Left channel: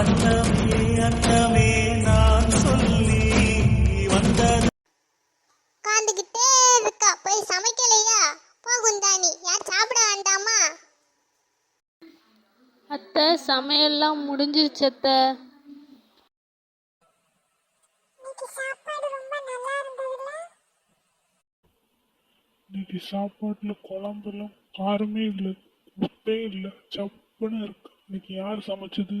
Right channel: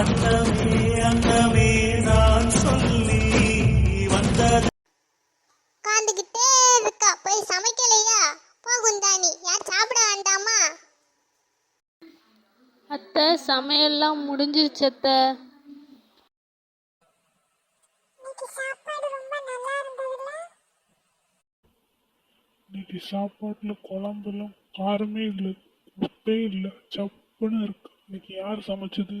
அன்னமே நான் சொல்லி வந்தது உட்காந்துக்கிட்டே இருக்கா. போய் சமைக்கலையா? போ குந்தாணி. யார் சாப்பிட வேண்டாமா? அத்தை சமையல்லாம் முடிஞ்சிருச்சு அத்தை. இன்னைக்கு சாப்பாடு ரொம்ப நல்லா இருந்ததுல்ல? இன்னைக்கு சாப்பாட்டுல குழம்புலாம் காரமே இல்லை உப்பே இல்லை. சப்புன்னு இருக்கு. இன்னைக்கு யார் சமைச்சது?